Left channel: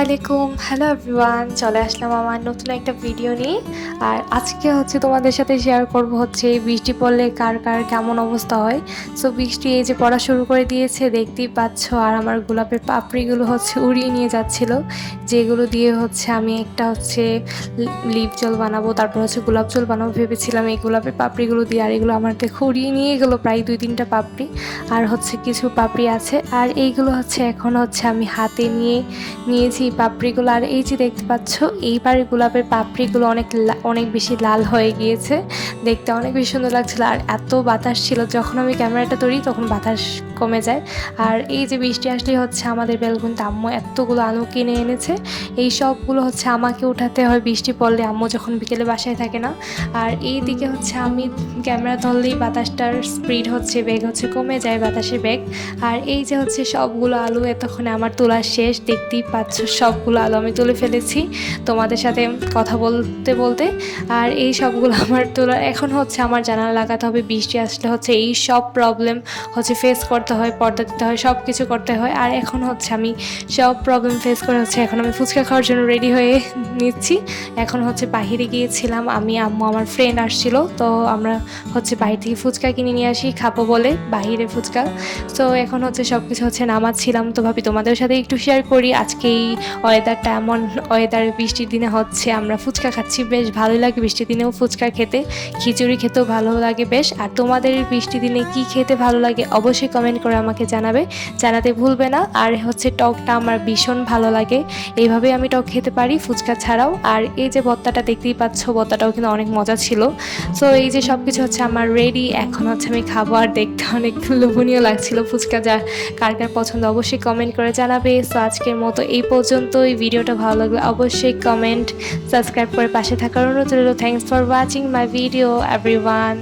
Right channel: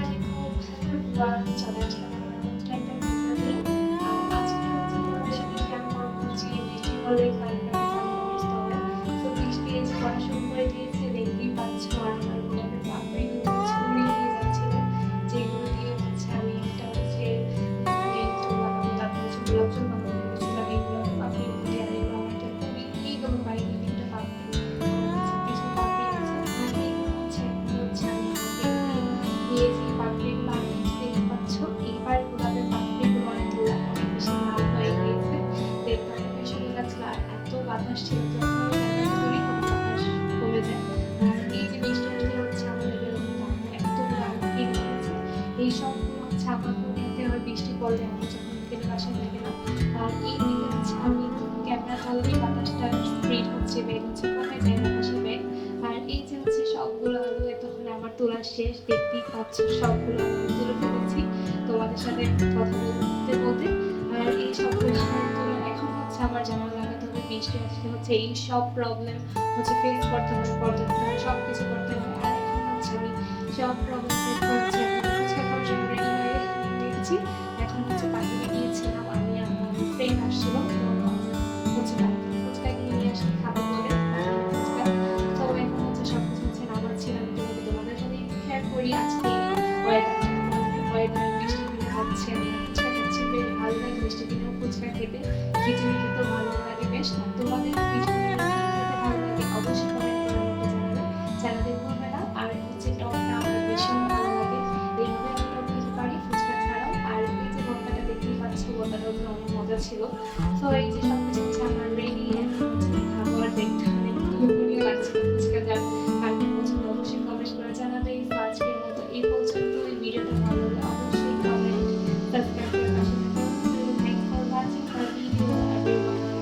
আলাইকুম। Hello everyone চলে আসলাম আমার নতুন একটা ভিডিও নিয়ে। আর আজকে হচ্ছে তোমাদের সাথে শেয়ার করব হচ্ছে বৃষ্টি পড়লে কার কার কেমন অবস্থা হয়। সো বৃষ্টি এই যে পড়া শুরু করে দিয়েছে, দেখতেই পাচ্ছ। আর আমার গোলাপের পাপড়িগুলো হচ্ছে উড়িয়ে নিয়ে যাচ্ছিল, যেগুলো দিয়ে হচ্ছে আমি একটা হচ্ছে লিপ জল বানাবো, তারপর হচ্ছে গোলাপ জল বানাবো ভেবেছিলাম। এই গোলাপের পাপড়িগুলো দিয়ে আর এগুলো আমার দেখে উড়িয়ে নিয়ে গেলো প্রায় দুই তিনটা পাপড়ি। আর হচ্ছে কিছু পাপড়ি আছে। আর এইগুলো হচ্ছে এখন হচ্ছে আমি হাতে নিয়ে নিয়েছি পাপড়িগুলো। আর এই যে দেখতে পাচ্ছ, এইবার গোলাপের পাপড়িগুলো অনেক অনেক বেশি লাল হয়ে গিয়েছে। দেখতে অনেক বেশি সুন্দর লাগছিল। আর এত বাতাস ছিল, যখন আমি ক্যামেরাটা ধরি তখন বাতাস কমে যায়। আর এই যে বৃষ্টি আসলে হচ্ছে আমাদের বেলগুনতে আম্মু এতগুলো আলু কিনে এনেছে। এই সবগুলো হচ্ছে আমাকে উঠাতে হয় বৃষ্টি পড়লে, আম্মু যখন বিকেলে বাসায় থাকে না। আর এই দিকে হচ্ছে আমি ক্যামেরা ধরলেই বাতাসটার স্পিড হচ্ছে, বেগ হচ্ছে, কমে যায় বাতাসের বেগ। আর এই যে হচ্ছে সবগুলো আলু, এতক্ষণে আমার তোলা শেষ। দেখতেই পাচ্ছ, সবগুলো আলু আমি তুলে ফেলেছি। তোমাদের সাথে কথা বলতে বলতে। আর এই সবগুলো আমার তোলা, এখন হচ্ছে আমার জানালা লাগাতে হবে, বৃষ্টি আসলে হচ্ছে এই সব প্রবলেম হচ্ছে ফেস করতে হয়, পর্দা দিতে হয় সব কিছু করতে হয়। আর এখন হচ্ছে আমি সব প্রবলেম ফেস করে হচ্ছে এখন আমি ফুচকা খাওয়ার জন্য রেডি হয়ে নিচ্ছি। এখন হচ্ছে বাহিরে গিয়েছিলাম, আমি, আম্মু আমার ফ্রেন্ড আসছিল, তো আমরা হচ্ছে বাইরে থেকে ফুচকা কিনে নিয়ে আসি, খাব বলে বাহিরে ফুচকা। তো এখন হচ্ছে সব কিছু হচ্ছে নামাচ্ছিলাম, তো ভাবি তোমাদের সাথে একটু শেয়ার করি আজকে এই ওয়েদারটা এমন ওয়েদার বৃষ্টির দিনে হচ্ছে আমরা ফুচকা খাচ্ছি, বেশ ভালোই লাগে বৃষ্টির দিনেও ফুচকা খেতে। খিচুড়ি খেতেও ভালো লাগে বেশ। আর তোমাদের বৃষ্টির দিনে কি খেতে ভালো লাগে অবশ্যই কমেন্ট করে আমাকে জানাবে। জানাতে ভুলবে না। আর হচ্ছে টকটা আমার ভীষণ ভালো লাগে। এইভাবে আমি টক খেতে পারি ফুচকা ছাড়াও। আর এই যে ভর্তাটা দেখতেই পাচ্ছ, ভর্তাটাও কিন্তু অনেক মজা ছিল। সো এই যে সব কিছু হচ্ছে আমার রেডি এখন হচ্ছে আমি খাব আর দেখতে অনেক লোভনীয় লাগছিল ফুচকা যা কার কার পছন্দ অবশ্যই কমেন্ট করে জানাবে। সো আজকের মতো এই পর্যন্ত এই ভিডিওটা ভালো লাগলে অবশ্যই কমেন্ট সাবস্ক্রাইব করে পাশে থাকার অনুরোধ রইল। Thanks for watching my video everyone